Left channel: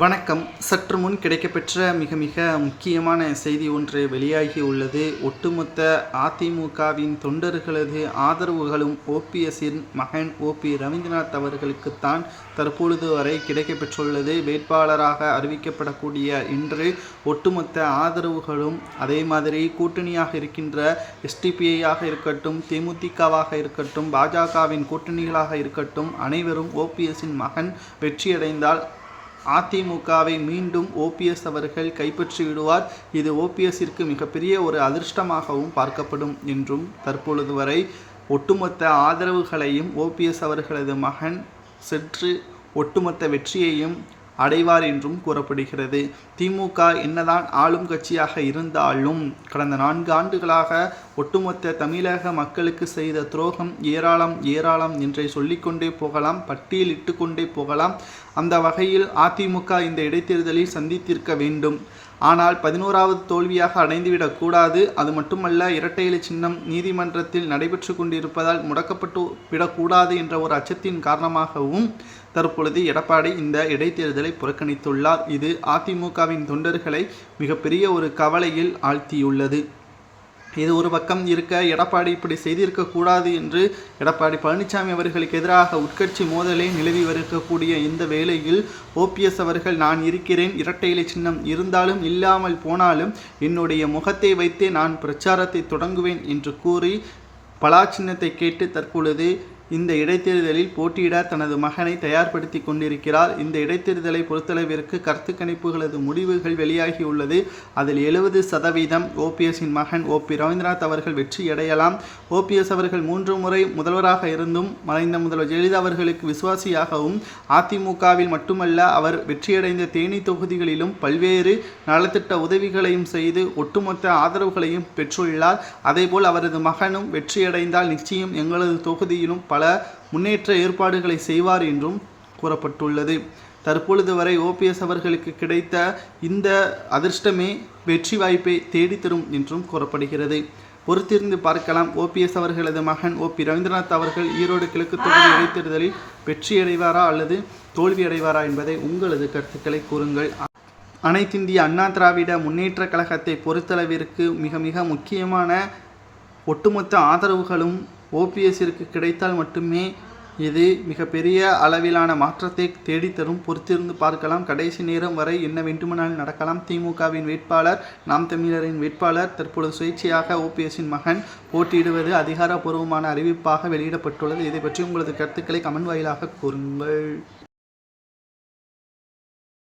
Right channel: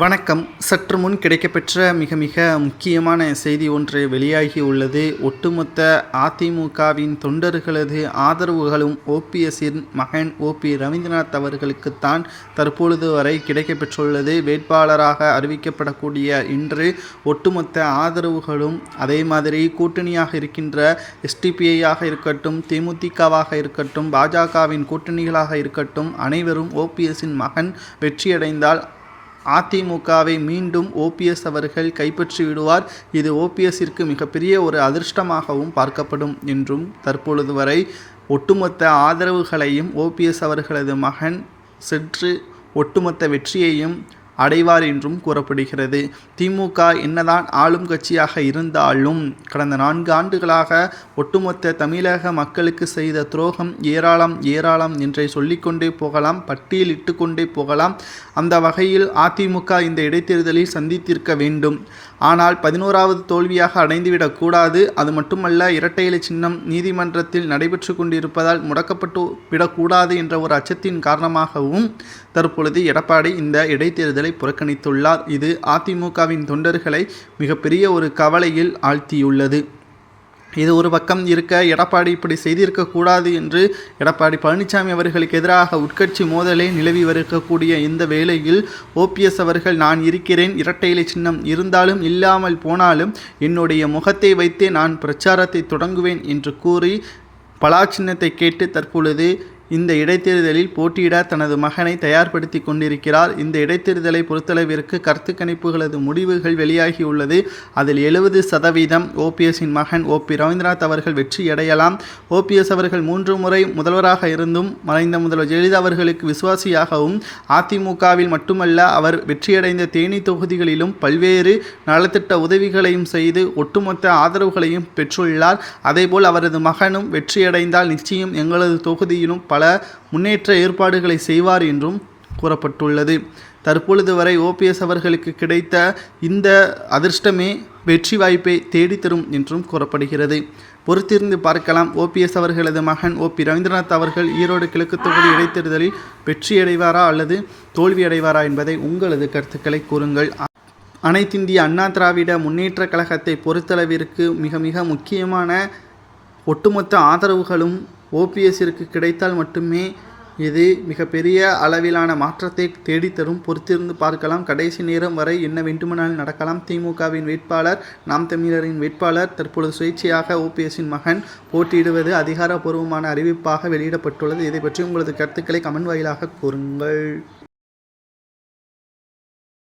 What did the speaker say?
வணக்கம். சற்று முன் கிடைக்கப்பெற்ற மிக மிக முக்கியமான செய்தி ஒன்று வெளியாகி உள்ளது. ஒட்டுமொத்த அதிமுகவின் தொண்டர்களது ஆதரவுகளும் ஓபிஎஸ்ஸின் மகன் ஓபி ரவீந்திரநாத் அவர்களுக்குத்தான் தற்பொழுது வரை கிடைக்கப்பெற்றுள்ளது. வேட்பாளராக அறிவிக்கப்படக்கூடிய இன்று ஒட்டுமொத்த ஆதரவுகளும் அதே மாதிரி கூட்டணியாக இருக்கின்ற எஸ்டிபிஐயாக இருக்கட்டும் தேமுதிகவாக இருக்கட்டும் பாஜகவின் கூட்டணிகளாக இருக்கட்டும் அனைவரும் ஓபிஎஸ்ஸின் மகன் வெற்றியடைந்தால் அதிமுகவை மீண்டும் ஓபிஎஸ் அவர்கள் கைப்பற்றி விடுவார். இது ஓபிஎஸ்ஸிற்கு மிகப்பெரிய ஒரு அதிர்ஷ்டமாகவும் பார்க்கப்படும். என்றும் தற்பொழுது வரை ஒட்டுமொத்த ஆதரவுகளையும் ஓபிஎஸ் அவர்களது மகன் சென்று ஒட்டுமொத்த வெற்றியையும் அடைவார் என்றும் கூறப்படுகிறது. திமுக என்னதான் ஆளும் கட்சியாக இருந்தாலும் கடந்த நான்கு ஆண்டுகளாக ஒட்டுமொத்த தமிழக மக்களுக்கு செய்த துரோகம் ஏராளம் ஏராளம் என்றை சொல்லிக்கொண்டே போகலாம் பட்டியலிட்டு கொண்டே போகலாம். அந்த வகையில் அதிமுக இந்த இடைத்தேர்தலில் சந்தித்திருக்க வேண்டும். ஆனால் பதினோராவது தோல்வியாக அடைந்துவிடக்கூடாது அது மட்டுமல்ல இரட்டை இலை சின்னம் நீதிமன்றத்தில் நடைபெற்று கொண்டிருப்பதால் முடக்கப்பட்டு விடக்கூடாது என்ற ஒரு அச்சத்தின் காரணமாகவும் தற்பொழுது எடப்பாடி இந்த இடைத்தேர்தலை புறக்கணித்துள்ளார். இது அதிமுகவின் தொண்டர்களை மிகப்பெரிய ஒரு கவலையில் ஆழ்த்தியுள்ளது. இது ஒரு பக்கம் இருக்க எடப்பாடி இப்படி செய்திருக்கக்கூடாது என்று எடப்பாடி பழனிசாமி அவர்களுக்கு எதிராக உட்கட்சி மோதலே நிலவி வருக்கக்கூடிய இந்த வேளையில் ஓபிஎஸ் அவர்கள் நான் இருக்கிறேன் இரட்டை சின்னம் இருந்தாலும் இல்லாமல் போனாலும் என்னுடைய முகத்தை வைத்தே நான் பிரச்சாரத்தை தொடங்குவேன் என்று கூறி பலா சின்னத்தை கேட்டு தற்பொழுது இந்த இடைத்தேர்தலில் போட்டியிட தனது மகனை தயார்படுத்தி கொண்டிருக்கிறார். இந்த இடைத்தேர்தலை பொறுத்தளவிற்கு கருத்து கணிப்புகளது முடிவுகள் வெளியாகியுள்ளது. அதில் எழுபது சதவீதம் ஓபிஎஸ்ஸின் மகன் ஓபி ரவீந்திரநாத் அவர்கள் வெற்றியடையலாம் ஓபிஎஸ் அவர்கள் மூன்று முறை முதல்வராக இருந்தும் மறைந்த முதல்வர் ஜெயலலிதா அவர்களுக்கு விசுவாசியாகவும் அதிமுகவில் மட்டுமல்ல அவர் வெற்றியடைந்த தேனி தொகுதிகளிலும் பல்வேறு நலத்திட்ட உதவிகளையும் செய்து ஒட்டுமொத்த ஆதரவுகளையும் பெற்றுள்ளார். அதேபோல் அவரது மகனும் வெற்றியடைந்தால் நிச்சயம் எங்களது தொகுதியிலும் பல முன்னேற்ற ஏற்பாடுகளை செய்வார் என்றும் கூறப்பட்டுள்ளது. தற்பொழுது வரை ஓபிஎஸ் அவர்களுக்கு கிடைத்த இந்த அதிர்ஷ்டமே வெற்றி வாய்ப்பை தேடித்தரும் என்றும் கூறப்படுகிறது. பொறுத்திருந்து பார்க்கலாம். ஓபிஎஸ் அவர்களது மகன் ஓபி ரவீந்திரநாத் அவர்கள் ஈரோடு கிழக்கு தொகுதி இடைத்தேர்தலில் வெற்றியடைவாரா அல்லது தோல்வியடைவாரா என்பதை உங்களது கருத்துக்களை கூறுங்கள். அனைத்திந்திய அண்ணா திராவிட முன்னேற்ற கழகத்தை பொறுத்தளவிற்கு மிக மிக முக்கியமான ஒட்டுமொத்த ஆதரவுகளும் ஓபிஎஸ்ஸிற்கு கிடைத்தால் மட்டுமே இது மிகப்பெரிய அளவிலான மாற்றத்தை தேடித்தரும். பொறுத்திருந்து பார்க்கலாம். கடைசி நேரம் வரை என்ன வேண்டுமானாலும் நடக்கலாம். திமுகவின் வேட்பாளர் நாம் தமிழரின் வேட்பாளர் தற்பொழுது சுயேட்சையாக ஓபிஎஸ்ஸின் மகன் போட்டியிடுவது அதிகாரப்பூர்வமான அறிவிப்பாக வெளியிடப்பட்டுள்ளது. இதை பற்றி உங்களது கருத்துக்களை கமெண்ட் வாயிலாக கூறுங்கள்.